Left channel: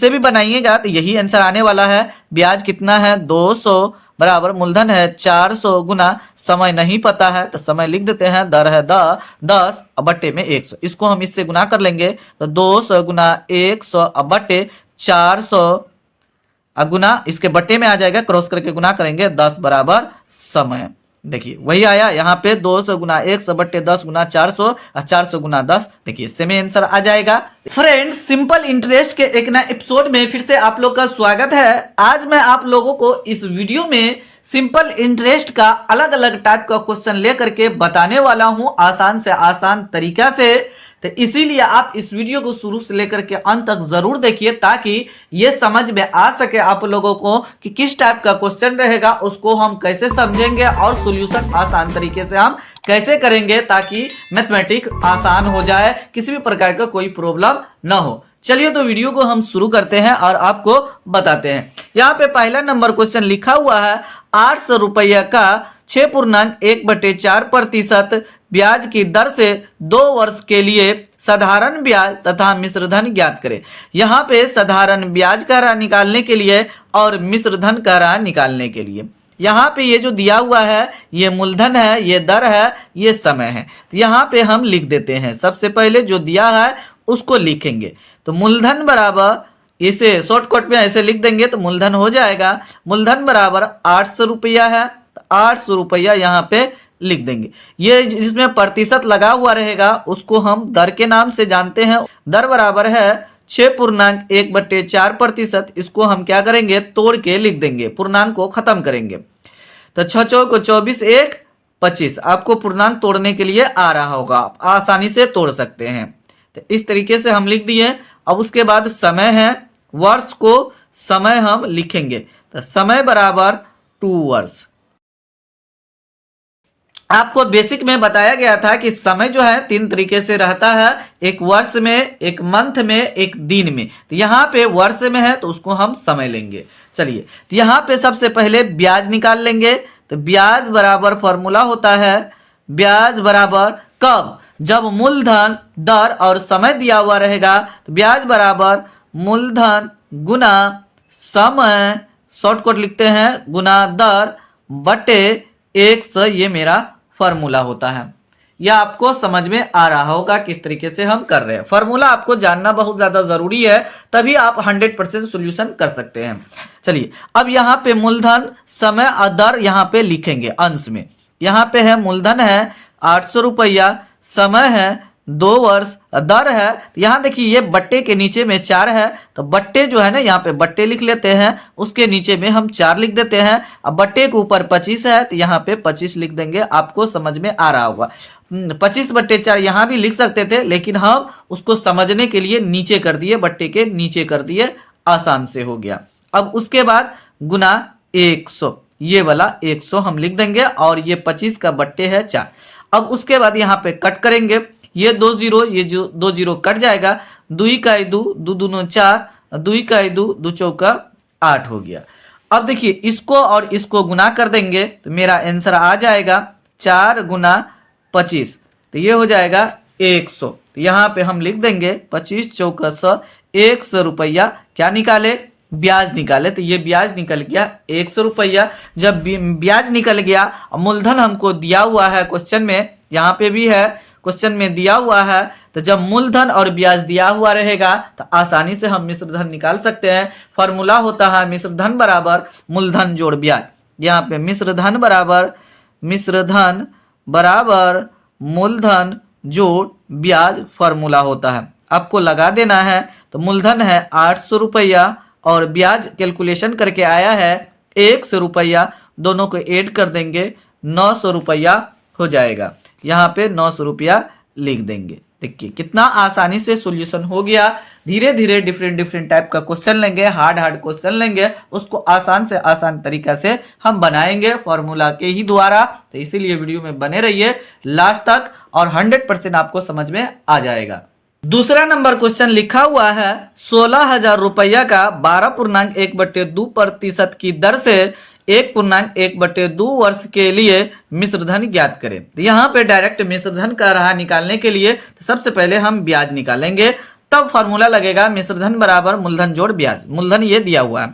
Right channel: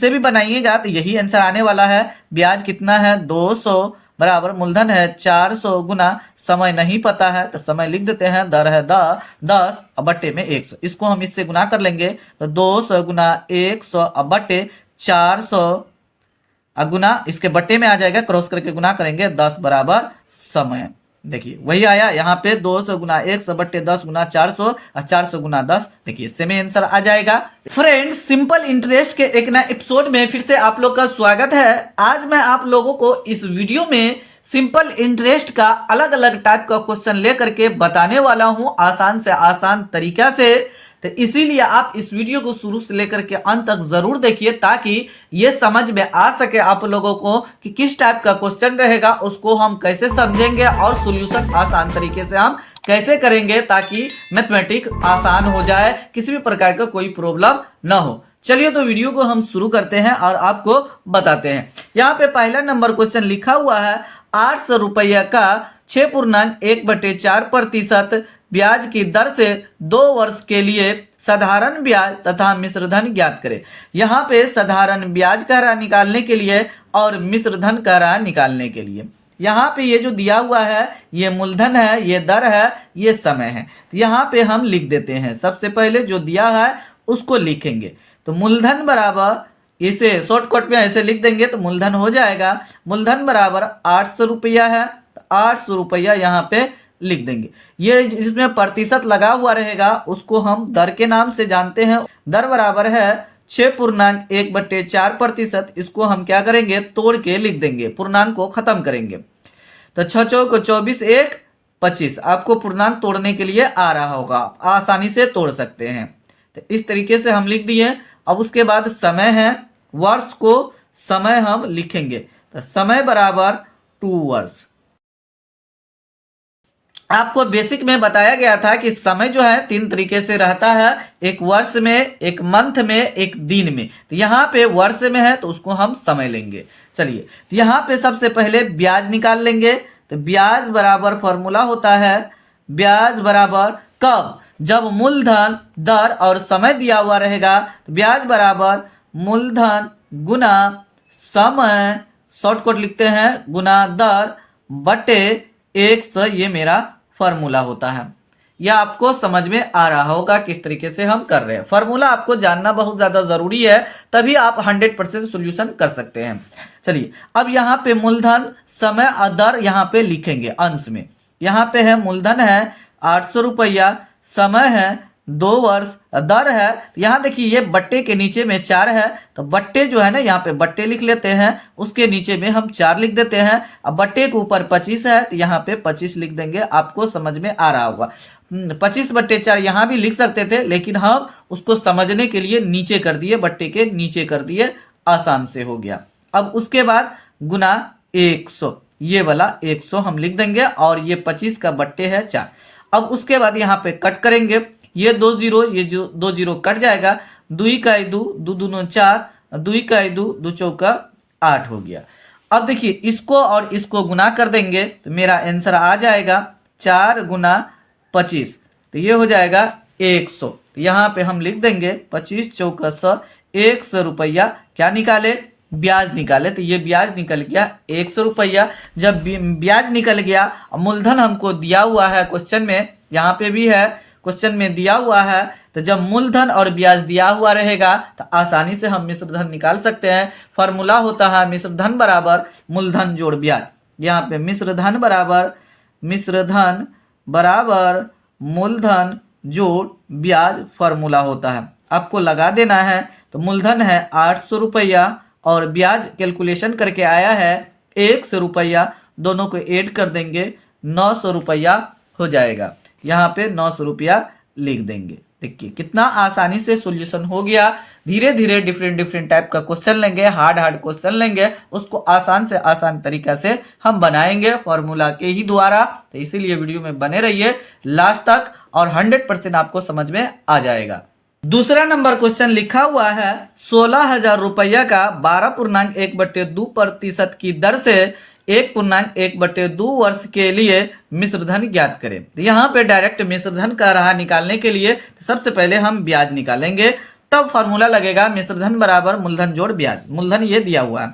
से भी बनाइएगा तो यही आंसर आने वाला है। ब्याज कितना है 200 बराबर मूलधन है 400 गुना समय नहीं पता है तो समय लिख देते हैं, दर है 10 बट्टे में 100। इसको हम इससे गुना कर लेंगे तो 200 गुना 100 बट्टे 400 गुना इसके बट्टे में आ जाएगा, क्रॉस करके गुना करेंगे 10 बराबर समय। देखिए वही आया यहाँ पे 200 गुना 100 बट्टे 10 गुना 400 और 400 गुना 10। देखिए सेम आंसर आ जाएगा। फ्रेंड्स, सिंपल इंटरेस्ट के एक नए एपिसोड में फिर से आप लोग का स्वागत है। आज मैं आप लोगों को इस वीडियो में सिंपल इंटरेस्ट का अलग अलग टाइप का क्वेश्चन लेकर के बताने वाला हूं, आसान से आसान तरीका से। तो इसीलिए आप इस वीडियो को शुरू से लेकर के अंत तक जरूर देखिए ताकि ये समझ में आ सके आप लोगों को कि किस टाइप का क्वेश्चन रहेगा, उसको हम कैसे समझेंगे और सॉल्यूशन आसान तरीके से हम कैसे करेंगे ताकि मैथमेटिक्स आसान हो जाए, किसी भी प्रकार का कोई प्रॉब्लम ना हो। चलिए तो वीडियो को हम शुरू करते हैं और आपको बताते हैं। यहाँ पे पहला नंबर क्वेश्चन लिखा हुआ है 800 रुपया का 6.1/4% ब्याज की दर से 2 वर्ष के लिए साधारण ब्याज तथा मिश्र धन ज्ञात करें। यहाँ पे साधारण ब्याज का राह निकालने के लिए और मिश्र धन का राह निकालने के लिए यहाँ पे ये जो दिया हुआ है ये मूलधन है, ये दर है, ये समय है। तो यहाँ पे हम लिख देते हैं, सबसे पहले जो दिया है उसको लिखेंगे। तो मूलधन बराबर, इसे शॉर्टकट में ऐसे लिख देंगे तो मूलधन हो जाएगा। मूलधन बराबर 800 रुपया है, तो 800 रुपया यहाँ पे लिख देंगे। ये जिसमें प्रतिशत लगा हुआ रहेगा उसको हम दर के नाम से जानते हैं। दर बराबर है 6.1/4%। इसको हम क्या करेंगे, तोड़ के लिख देंगे, पूर्णांक को खत्म करेंगे। तो 6 चौक 24, 1 25। आपको पूर्णांक तोड़ने के लिए आ रहा होगा, आप आसानी से तोड़ सकते हैं। तो इस तरीके से हम लिख दिए। अब उसके बाद समय है, वर्ष को समय हम लिखेंगे। तो समय बराबर 2 वर्ष। आपको बेसिक में बताया गया था कि समय जो है 3 तरीके से रहता है, एक वर्ष में, एक मंथ में, एक दिन में। तो यहाँ पे वर्ष में है तो उसको हम समय लेंगे। चलिए तो यहाँ पे सबसे पहले ब्याज निकाल लेंगे। तो ब्याज बराबर फॉर्मूला होता है, ब्याज बराबर कब, जब मूलधन, दर और समय दिया हुआ रहेगा। तो ब्याज बराबर मूलधन गुना समय, शॉर्टकट लिखते हैं, गुना दर बटे 100। ये मेरा फॉर्मूला होता है। यह आपको समझ में आ रहा होगा किस तरीके से हम कर रहे हैं। फॉर्मूला आपको जानना बहुत ज्यादा जरूरी है, तभी आप 100% सॉल्यूशन कर सकते हैं। चलिए अब यहाँ पे मूलधन, समय और दर यहाँ पे लिखेंगे अंश में। यहाँ पे है मूलधन है 800 रुपया, समय है 2 वर्ष, दर है, यहाँ देखिए ये बट्टे के नीचे में 4 है। तो बट्टे जो है ना, यहाँ पे बट्टे लिख लेते हैं, उसके नीचे में हम 4 लिख देते हैं। अब बट्टे के ऊपर 25 है तो यहाँ पे 25 लिख देंगे। आपको समझ में आ रहा होगा। 25/4 यहाँ भी लिख सकते थे, लेकिन हम उसको समझने के लिए नीचे कर दिए, बट्टे के नीचे कर दिए, आसान से हो गया। अब उसके बाद गुना 100, ये वाला 100 हम लिख देंगे और ये 25 का बट्टे है 4। अब उसके बाद यहाँ पे कट करेंगे, ये 2 जीरो, ये जो 2 जीरो कट जाएगा। 2 का 2, 2 दूनो 4, 2 का 2, 2 चौका 8 हो गया। अब देखिए इसको और इसको गुना कर देंगे तो मेरा आंसर आ जाएगा 4 गुना 25। तो ये हो जाएगा 100। तो यहाँ पे हम लिख देंगे 25 चौका 100, 100 रुपया क्या निकाले, ब्याज निकाले। तो ये ब्याज निकल गया 100 रुपया। जब ब्याज निकल गया, मूलधन हमको दिया हुआ है क्वेश्चन में, यहाँ पे भी है क्वेश्चन में दिया हुआ है। तो जब मूलधन और ब्याज दिया हुआ रहेगा तो आसानी से हम मिश्र धन निकाल सकते हैं। फॉर्मूला होता है मिश्र धन बराबर मूलधन जोड़ ब्याज। यहाँ पे मिश्र धन बराबर मूलधन जोड़ ब्याज फॉर्मूला होता है, आपको लगा देना है। तो मूलधन है 800 रुपया और ब्याज कैलकुलेशन करके आया है 100 रुपया, दोनों को ऐड कर देंगे 900 रुपया हो जाएगा। यहाँ पे 900 रुपया लिख देंगे। देखिए कितना आसानी से सॉल्यूशन हो गया। धीरे धीरे डिफरेंट टाइप का क्वेश्चन लेंगे, हार्ड क्वेश्चन लेंगे, उसको आसान से आसान तरीका से हम बनाएंगे फॉर्मूला के ही द्वारा। तो इसीलिए वीडियो में बने रहिए लास्ट तक और 100% आपको समझ में आ जाएगा। दूसरा नंबर क्वेश्चन लिखा हुआ है 16,000 रुपया का 12.1/2% की दर से 1.1/2 वर्ष के लिए मिश्र धन ज्ञात करें। तो यहाँ पे डायरेक्ट मिश्र धन का राह निकालने के लिए तो सबसे पहले हम ब्याज निकालेंगे। तब फॉर्मूला लगेगा मिश्रधन बराबर मूलधन जोड़ ब्याज। मूलधन ये दिया हुआ है,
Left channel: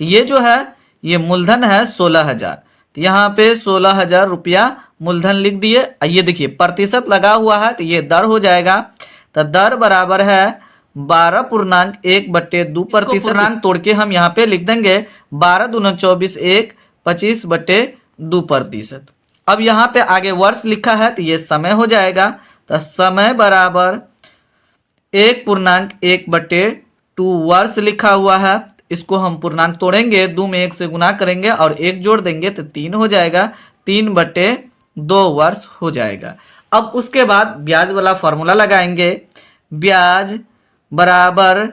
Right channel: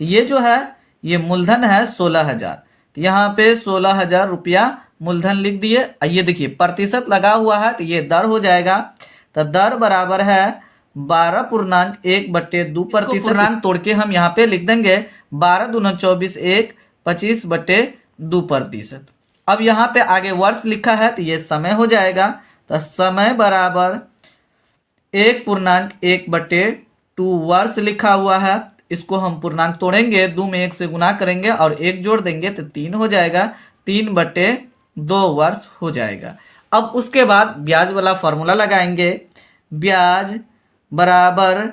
तो ये जो है ये मूलधन है 16,000, तो यहाँ पे 16,000 रुपया मूलधन लिख दिए। ये देखिए प्रतिशत लगा हुआ है, तो ये दर हो जाएगा, तो दर बराबर है 12.1/2%। पूर्णांक तोड़ के हम यहाँ पे लिख देंगे 12 दूना 24 1 25/2%। अब यहाँ पे आगे वर्ष लिखा है, तो ये समय हो जाएगा, तो समय बराबर 1.1/2 वर्ष लिखा हुआ है। इसको हम पूर्णांक तोड़ेंगे, 2 में 1 से गुना करेंगे और 1 जोड़ देंगे तो 3 हो जाएगा, 3/2 वर्ष हो जाएगा। अब उसके बाद ब्याज वाला फॉर्मूला लगाएंगे। ब्याज बराबर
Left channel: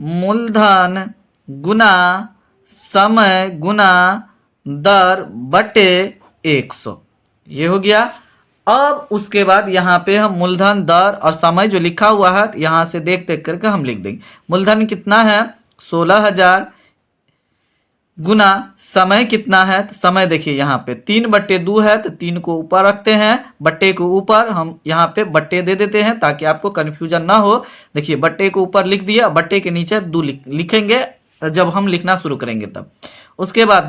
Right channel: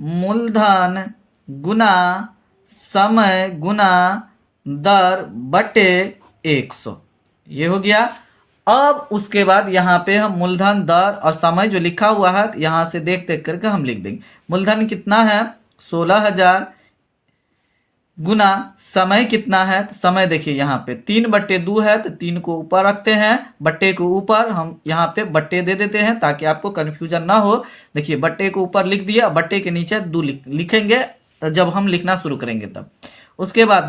मूलधन गुना समय गुना दर बटे 100, ये हो गया। अब उसके बाद यहाँ पे हम मूलधन दर और समय जो लिखा हुआ है यहाँ से देख देख करके हम लिख देंगे। मूलधन कितना है 16,000 गुना समय कितना है, तो समय देखिए यहाँ पे 3/2 है, तो 3 को ऊपर रखते हैं, बट्टे को ऊपर हम यहाँ पे बट्टे दे देते हैं ताकि आपको कंफ्यूजन ना हो। देखिए बट्टे को ऊपर लिख दिया, बट्टे के नीचे 2 लिखेंगे जब हम लिखना शुरू करेंगे तब। उसके बाद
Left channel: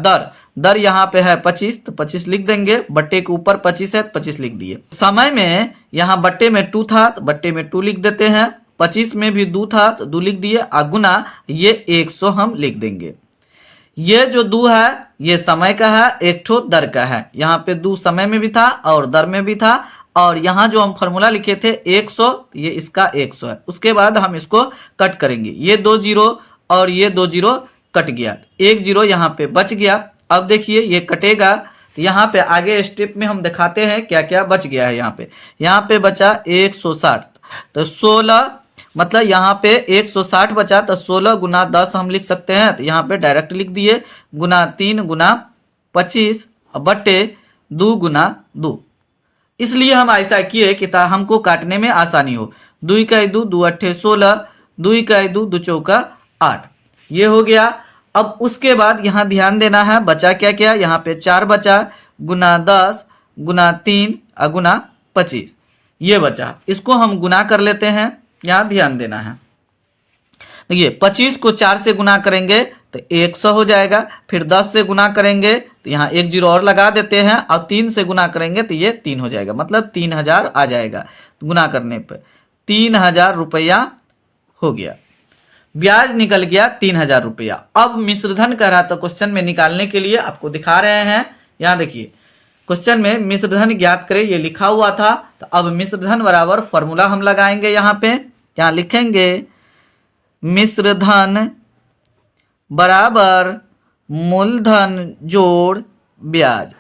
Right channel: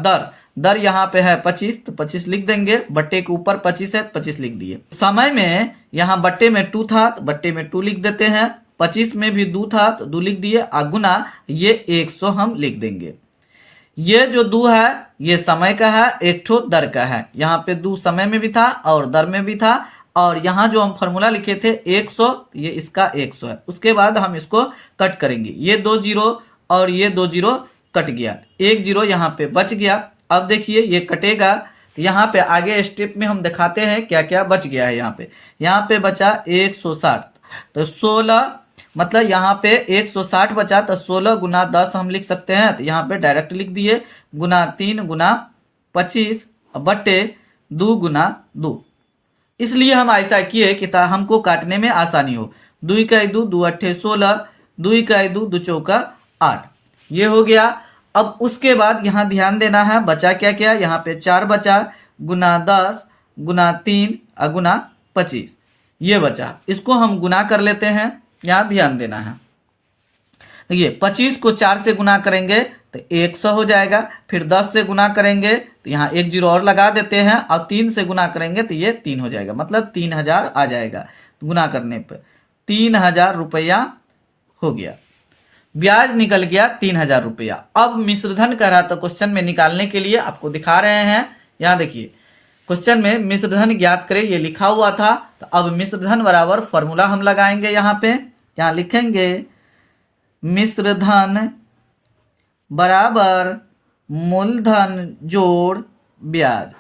दर यहाँ पे है 25, तो 25 लिख देंगे, बट्टे के ऊपर 25 है, 25 लिख दिए। समय में यहाँ बट्टे में 2 था, तो बट्टे में 2 लिख देते हैं, 25 में भी 2 था तो 2 लिख दिए, गुना ये 100 हम लिख देंगे। ये जो 2 है ये समय का है, एक ठो दर का है। यहाँ पे 2 समय में भी था और दर में भी था, और यहाँ जो हम फॉर्मूला लिखे थे 100, ये इसका 100 है। उसके बाद हम इसको कट करेंगे, ये 2 जीरो और ये 2 जीरो कट गया, 1 जीरो यहाँ पे बच गया। अब देखिए ये कटेगा, तो यहाँ पे आगे स्टेप में हम दिखाते हैं क्या क्या बच गया है। यहाँ पे बचा 160, तो 16 मतलब यहाँ पे 160 बचा, तो 16 गुना 10 हम लिख सकते हैं, तो यहाँ पे डायरेक्ट लिख दिए, गुना 3 गुना 25 बटे 2 गुना 2। इसलिए हम ऐसा किए कि हमको काटने में आसानी हो। 2 का 2 2 अट्ठे 16, 2 का 2 2 चौका 8, ये हो गया। अब उसके बाद यहाँ ध्यान देना है, बचा क्या क्या, यहाँ पे 4 बचा, गुना 10 गुना 3 गुना 25, ये बचा। इसको हम गुना कर लेते हैं, यहाँ ध्यान देना है। देखिए 25 को 4 से गुना करेंगे तो 100 हो जाएगा, फिर 10 से गुना करेंगे तो यहाँ 1 जीरो और लगा देते हैं, और 3 से गुना करेंगे तो ये 3 हो जाएगा, मतलब 3000 आ जाएगा। गुना करने पर 3000 रुपया हो गया, ब्याज निकल गया 3000 रुपया। अब मिश्रधन कह रहा था क्वेश्चन में निकालने के लिए, आपको दिखा रहे हैं। यहाँ देखिए क्वेश्चन में मिश्रधन ज्ञात करें ये लिखा हुआ था, तो अब मिश्रधन बराबर फॉर्मूला हम लगाएंगे। यहाँ लिखेंगे मिश्रधन बराबर मूलधन जोड़ ब्याज।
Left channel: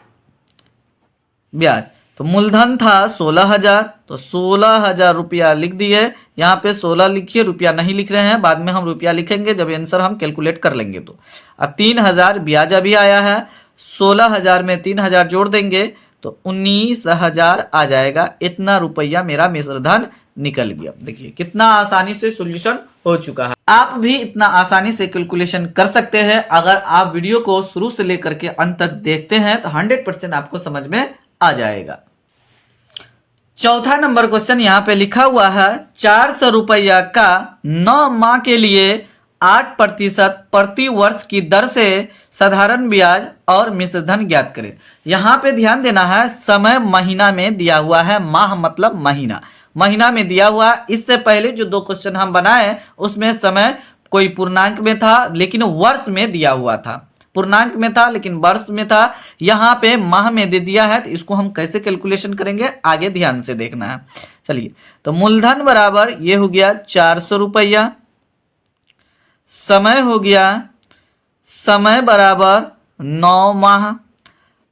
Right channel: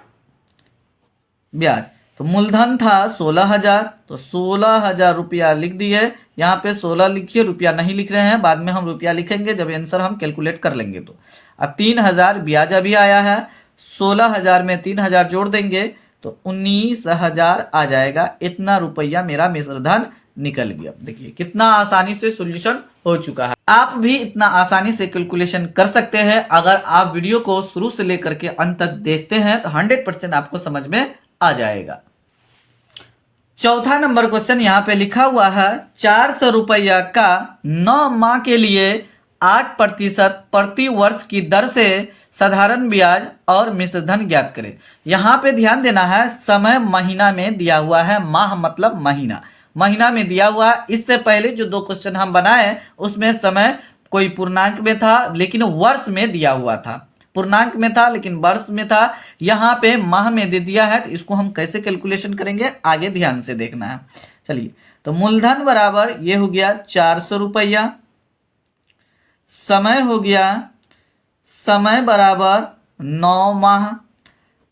तो मूलधन था 16,000, तो 16,000 रुपया लिख दिए। यहाँ पे 16 लिखिए, रुपया नहीं लिख रहे हैं, बाद में हम रुपया लिखेंगे जब आंसर हम कैलकुलेट कर लेंगे। तो अब 3000 ब्याज अभी आया है, 16,000 में 3000 जोड़ देंगे तो 19,000 आ जाएगा। इतना रुपया मेरा मिश्रधन निकल गया। देखिए कितना आसानी से सॉल्यूशन हो चुका है। आप भी इतना आसानी से कैलकुलेशन कर सकते हैं अगर आप वीडियो को शुरू से लेकर के अंत तक देखते हैं, तो 100% आपको समझ में आ जाएगा। चौथा नंबर क्वेश्चन यहाँ पे लिखा हुआ है, 400 रुपया का 9 माह के लिए 8% प्रति वर्ष की दर से साधारण ब्याज और मिश्रधन ज्ञात करें। यहाँ पे ध्यान देना है, समय महीना में दिया हुआ है, माह मतलब महीना में दिया हुआ। इससे पहले जो 2 क्वेश्चन हम बनाए उसमें समय कोई पूर्णांक में था लेकिन वर्ष में दिया हुआ था, पूर्णांक में था लेकिन वर्ष में था। यहाँ पे माह में दे दिया है, तो इसको हम कैसे कैलकुलेशन करेंगे आगे ध्यान से देखना है। चलिए, तो मूलधन बराबर ये हो गया 400 रुपया, समय हो गया, समय बराबर 9 माह।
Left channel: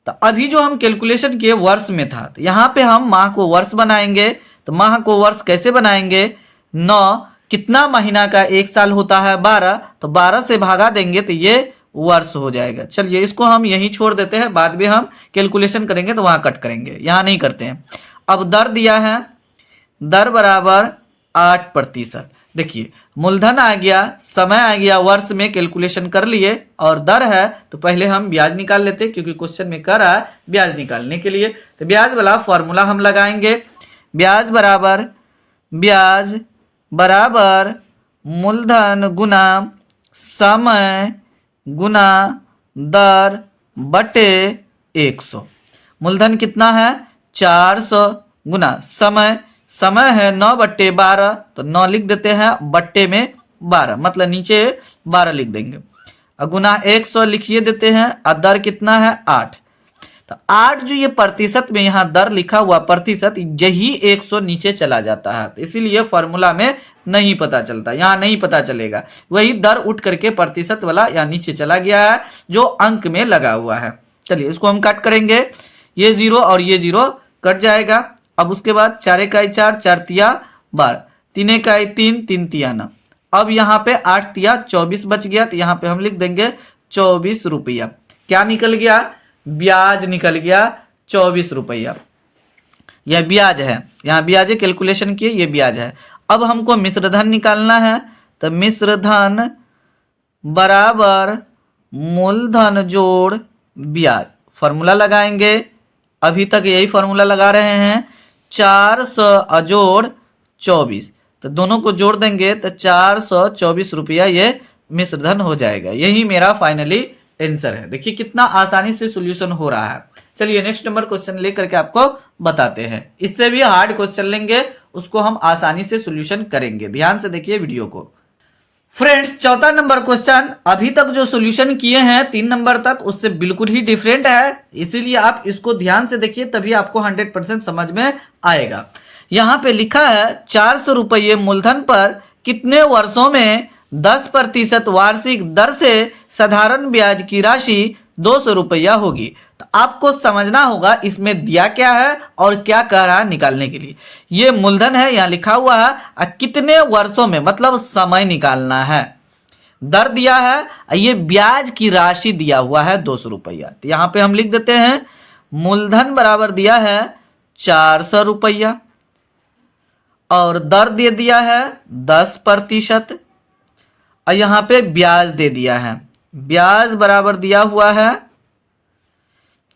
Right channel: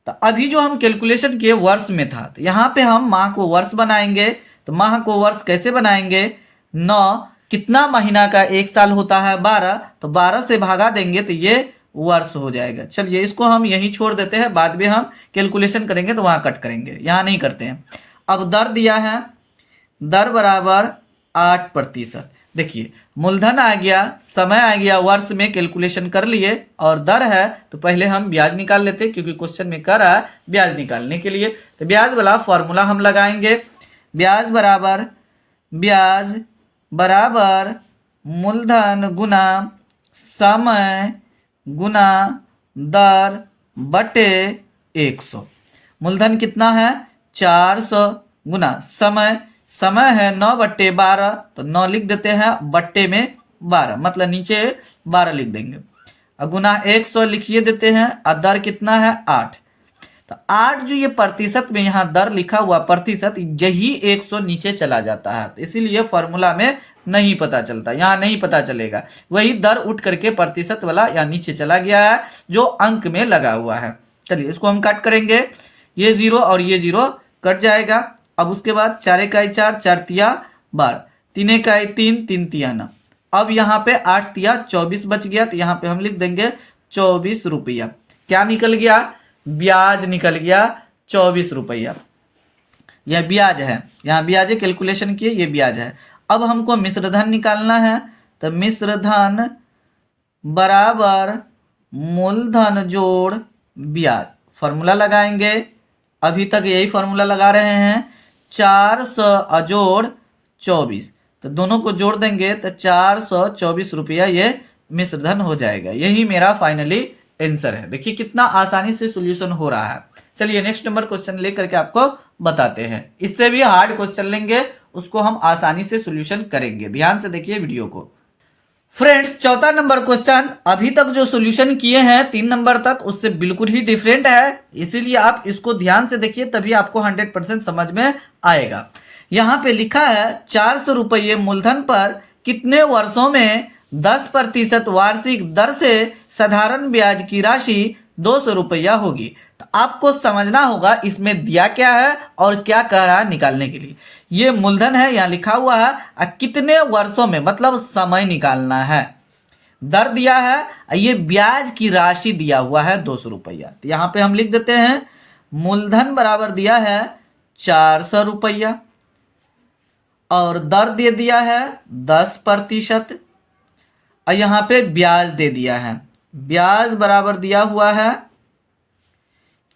तो अभी जो हम कैलकुलेशन किए वर्ष में था, तो यहाँ पे हम माह को वर्ष बनाएंगे। तो माह को वर्ष कैसे बनाएंगे, 9 कितना महीना का 1 साल होता है 12, तो 12 से भागा देंगे तो ये वर्ष हो जाएगा। चलिए इसको हम यहीं छोड़ देते हैं, बाद में हम कैलकुलेशन करेंगे तो वहां कट करेंगे, यहाँ नहीं करते हैं। अब दर दिया है, दर बराबर 8%। देखिए मूलधन आ गया, समय आ गया, वर्ष में कैलकुलेशन कर लिए, और दर है तो पहले हम ब्याज निकाल लेते क्योंकि क्वेश्चन में कर रहा है ब्याज निकालने के लिए। तो ब्याज वाला फॉर्मूला हम लगाएंगे। ब्याज बराबर ब्याज बराबर मूलधन गुना समय गुना दर बटे 100। मूलधन कितना है 400 गुना समय, समय है 9/12, तो 9 लिख देते हैं, बट्टे में 12 मतलब नीचे 12 लिख देंगे, और गुना 100 लिखिए देते हैं, और दर कितना है 8। तो 8 जो ये प्रतिशत में यहाँ दर लिखा हुआ प्रतिशत, यही 100 नीचे चला जाता है, तो इसीलिए फॉर्मूला में नहीं पता चलता, यहाँ नहीं पता चलेगा, वही दर उठ करके प्रतिशत वाला यहाँ नीचे चला गया है जो अंक में लगा हुआ है। चलिए इसको हम काट करेंगे, ये 0 और ये 0 कट जाएगा। अब उसके बाद 4 इकाई 4, 4 तिया 12, 3 इकाई 3, 3 तिया 9। अब यहाँ पे 8 तिया 24 बच गया, तो यहाँ पे हम लिख देंगे 24 रुपया। क्या निकल गया, ब्याज निकल गया 24 रुपया। यह ब्याज है, यहाँ ब्याज कैलकुलेशन किए, ये ब्याज है। अब हमको मिश्र धन निकालना है, तो मिश्र धन बराबर मूलधन जोड़ ब्याज, फॉर्मूला लगाएंगे, अभी तक यही फॉर्मूला लगा रहे हैं। 400 जोड़ 24, तो दोनों को जोड़ देंगे तो 424 रुपया ये मिश्र धन हो जाएगा। यही मेरा फाइनली आंसर है। देखिए कितना आसानी से सॉल्यूशन हो रहा है। चलिए नेक्स्ट नंबर क्वेश्चन लेकर के आपको बताते हैं। इससे भी हार्ड क्वेश्चन लेंगे, उसको हम आसानी से सॉल्यूशन करेंगे। ध्यान से देखिए वीडियो को। फ्रेंड्स चौथा नंबर क्वेश्चन अभी तक जो सॉल्यूशन किए हैं 3 नंबर तक, उससे बिल्कुल ही डिफरेंट है, इसीलिए आप इसको ध्यान से देखिए, तभी आपको 100% समझ में आएगा। यहाँ पे लिखा है 400 रुपये मूलधन पर कितने वर्षों में 10% वार्षिक दर से साधारण ब्याज की राशि 200 रुपया होगी। तो आपको समझना होगा इसमें दिया क्या है और क्या कह रहा है निकालने के लिए। ये मूलधन है, यहाँ लिखा हुआ है, और कितने वर्षों में मतलब समय निकालना है, दर दिया है, ये ब्याज की राशि दिया हुआ है 200 रुपया। तो यहाँ पे हम लिख देते हैं मूलधन बराबर दिया है 400 रुपया, और दर दे दिया है 10%, और यहाँ पे ब्याज दे दिया है, ब्याज बराबर दिया हुआ है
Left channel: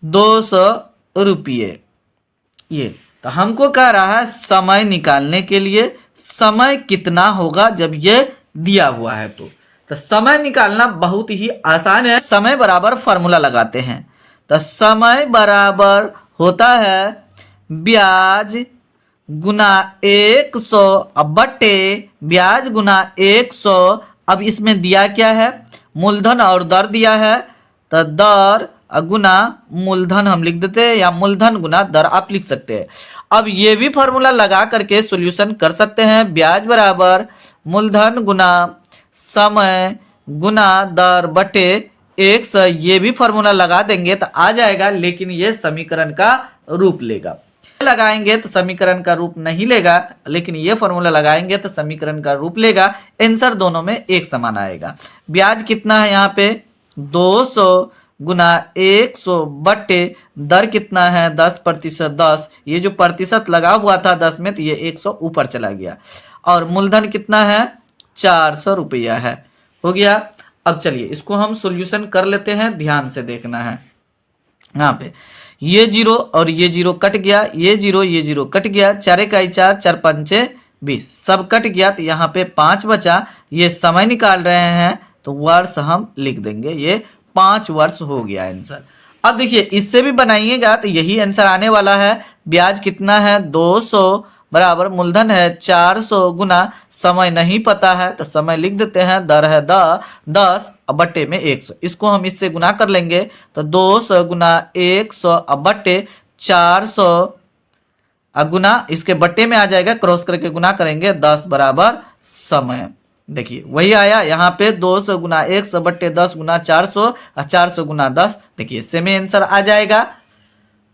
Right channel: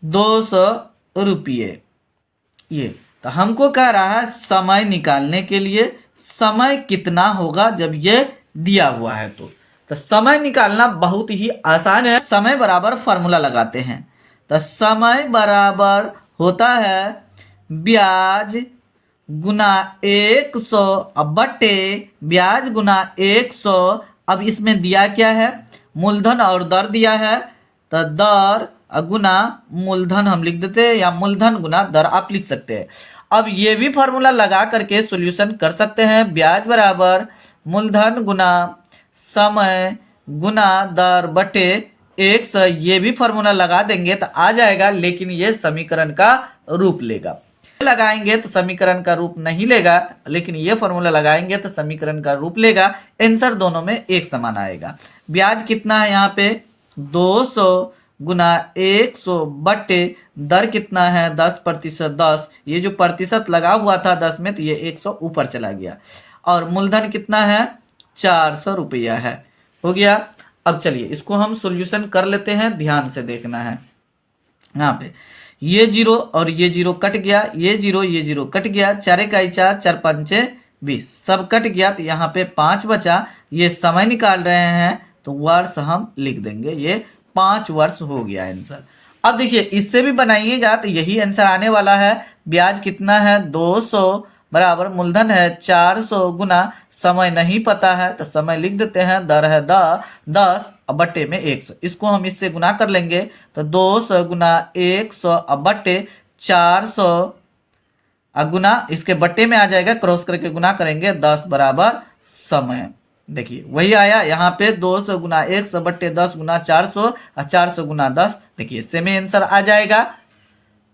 200 रुपये। ये तो हमको कह रहा है समय निकालने के लिए समय कितना होगा जब ये दिया हुआ है। तो समय निकालना बहुत ही आसान है। समय बराबर फॉर्मूला लगाते हैं, तो समय बराबर होता है ब्याज गुना 100 बटे ब्याज गुना 100। अब इसमें दिया क्या है, मूलधन और दर दिया है, तो दर गुना मूलधन हम लिख देते हैं, या मूलधन गुना दर आप लिख सकते हैं। अब ये भी फॉर्मूला लगा करके सॉल्यूशन कर सकते हैं। ब्याज बराबर मूलधन गुना समय गुना दर बटे 100, ये भी फॉर्मूला लगा देंगे तो आ जाएगा, लेकिन ये समीकरण का रूप लेगा। लगाएंगे तो समीकरण का रूप नहीं लेगा, लेकिन ये फॉर्मूला लगाएंगे तो समीकरण का रूप लेगा। आंसर दोनों में एक समान आएगा। ब्याज कितना है यहाँ पे 200 गुना 100 बटे दर कितना है 10%, 10, ये जो प्रतिशत लगा हुआ था 10 में, तो ये 100 ऊपर चला गया, और मूलधन कितना है 400 रुपया है। हो गया। अब चलिए इसको हम सॉल्यूशन कर लेते हैं, ध्यान से देखना है। यहाँ पे ये 0 और ये 0 कट गया, ये 0 ये 0 कट गया, 4 इकाई 4, 4 पंचे 20, सब कट गया, तो यहाँ पे 5 बचा। ये समय निकाल रहे हैं तो वर्ष हम लिख देंगे, ये 5 वर्ष हो गया आंसर। अब देखिए इससे भी बनाइएगा तो यही आंसर आने वाला है। ब्याज कितना है 200 बराबर मूलधन है 400 गुना समय नहीं पता है, तो समय लिख देते हैं, दर है 10 बट्टे में 100, इसको हम इससे गुना कर लेंगे, तो 200 गुना 100 बट्टे 400 गुना इसके बट्टे में आ जाएगा, क्रॉस करके गुना करेंगे 10 बराबर समय। देखिए वही आया यहाँ पे 200 गुना 100 बट्टे 10 गुना 400 और 400 गुना 10, देखिए सेम आंसर आ जाएगा।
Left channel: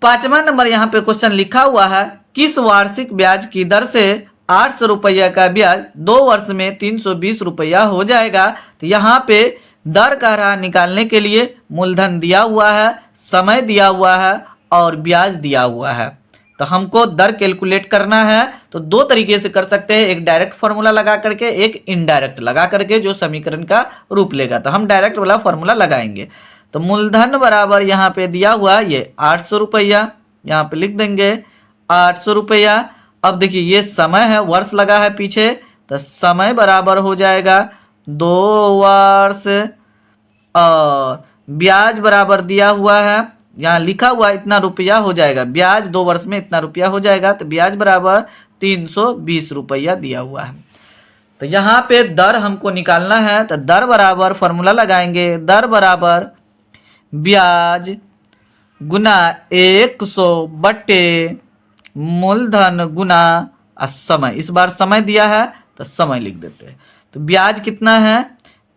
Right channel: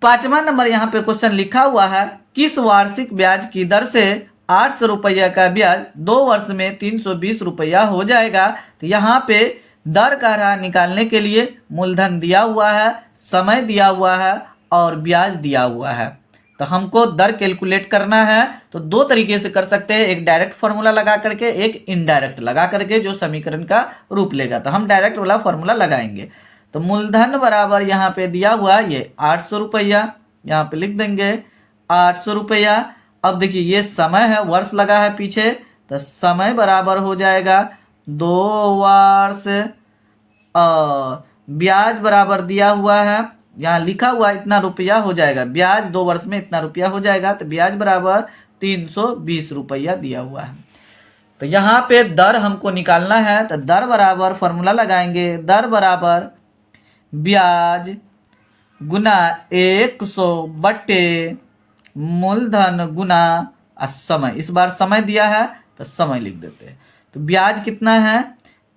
5वां नंबर यहाँ पे क्वेश्चन लिखा हुआ है, किस वार्षिक ब्याज की दर से 800 रुपया का ब्याज 2 वर्ष में 320 रुपया हो जाएगा। तो यहाँ पे दर कह रहा निकालने के लिए मूलधन दिया हुआ है, समय दिया हुआ है और ब्याज दिया हुआ है। तो हमको दर कैलकुलेट करना है, तो 2 तरीके से कर सकते हैं, एक डायरेक्ट फॉर्मूला लगा करके, एक इनडायरेक्ट लगा करके, जो समीकरण का रूप लेगा। तो हम डायरेक्ट वाला फॉर्मूला लगाएंगे। तो मूलधन बराबर यहाँ पे दिया हुआ ये 800 रुपया, यहाँ पे लिख देंगे 800 रुपया, अब देखिए ये समय है, वर्ष लगा है पीछे, तो समय बराबर हो जाएगा 2 वर्ष। ब्याज बराबर दिया हुआ है, यहाँ लिखा हुआ है इतना रुपया हो जाएगा, ब्याज 2 वर्ष में इतना रुपया हो जाएगा, तो ब्याज बराबर 320 रुपया दिया हुआ है। तो यहाँ पे दर हमको निकालना है, तो दर बराबर फॉर्मूला लगाएंगे, दर बराबर ब्याज गुना 100 बटे मूलधन गुना समय। इस बार समय दिया है तो समय लिख देते हैं। तो ब्याज कितना है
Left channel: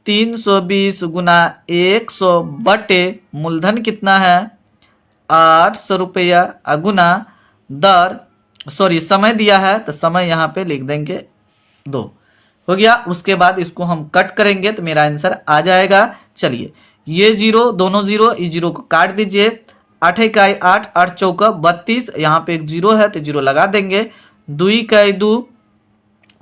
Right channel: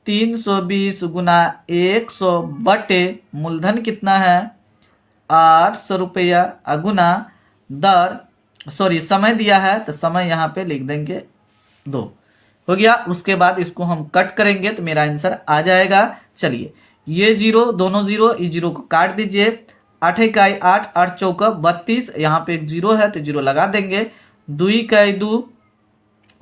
320 गुना 100 बटे मूलधन कितना है 800 रुपया गुना दर, सॉरी समय दिया है तो समय यहाँ पे लिख देंगे 2। हो गया। उसके बाद इसको हम कट करेंगे तो मेरा आंसर आ जाएगा। चलिए ये जीरो, दोनों जीरो, इस जीरो को काट दीजिए। 8 इकाई 8, 8 चौका 32, यहाँ पे एक जीरो है तो जीरो लगा देंगे। 2 इकाई 2,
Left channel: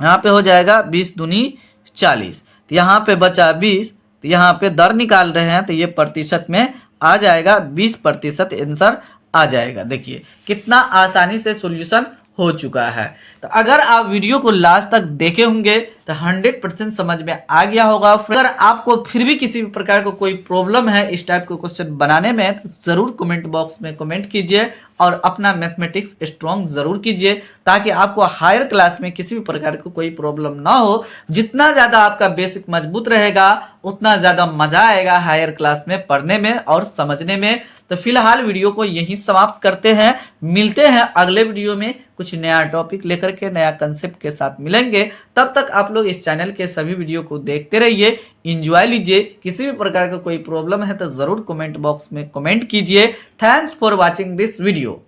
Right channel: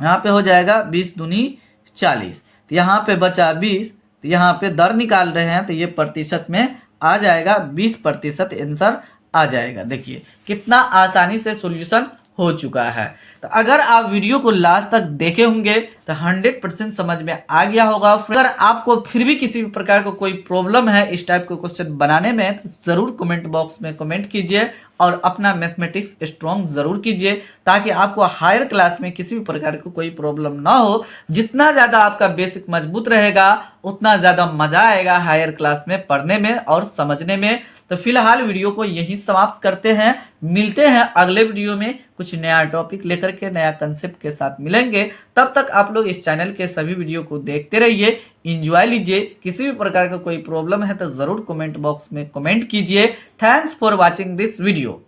यहाँ पे हो जाएगा 20 दूनी 40, तो यहाँ पे बचा 20, तो यहाँ पे दर निकाल रहे हैं तो ये प्रतिशत में आ जाएगा, 20% आंसर आ जाएगा। देखिए कितना आसानी से सॉल्यूशन हो चुका है। तो अगर आप वीडियो को लास्ट तक देखे होंगे तो 100% समझ में आ गया होगा। अगर आपको फिर भी किसी भी प्रकार का कोई प्रॉब्लम है इस टाइप के क्वेश्चन बनाने में तो जरूर कमेंट बॉक्स में कमेंट कीजिए और अपना मैथमेटिक्स स्ट्रॉन्ग जरूर कीजिए, ताकि आपको हायर क्लास में किसी भी प्रकार की कोई प्रॉब्लम ना हो। जितना ज्यादा आपका बेसिक मजबूत रहेगा उतना ज्यादा मजा आएगा हायर क्लास में पढ़ने में और समझने में। तो फिलहाल वीडियो को यहीं समाप्त करते हैं, मिलते हैं अगले वीडियो में कुछ नया टॉपिक लेकर के, नया कंसेप्ट के साथ मिलेंगे। तब तक आप लोग इस चैनल के सभी वीडियो को देखते रहिए, एंजॉय लीजिए। किसी भी प्रकार का कोई प्रॉब्लम है तो जरूर कमेंट बॉक्स में कमेंट कीजिए। Thanks for watching this video.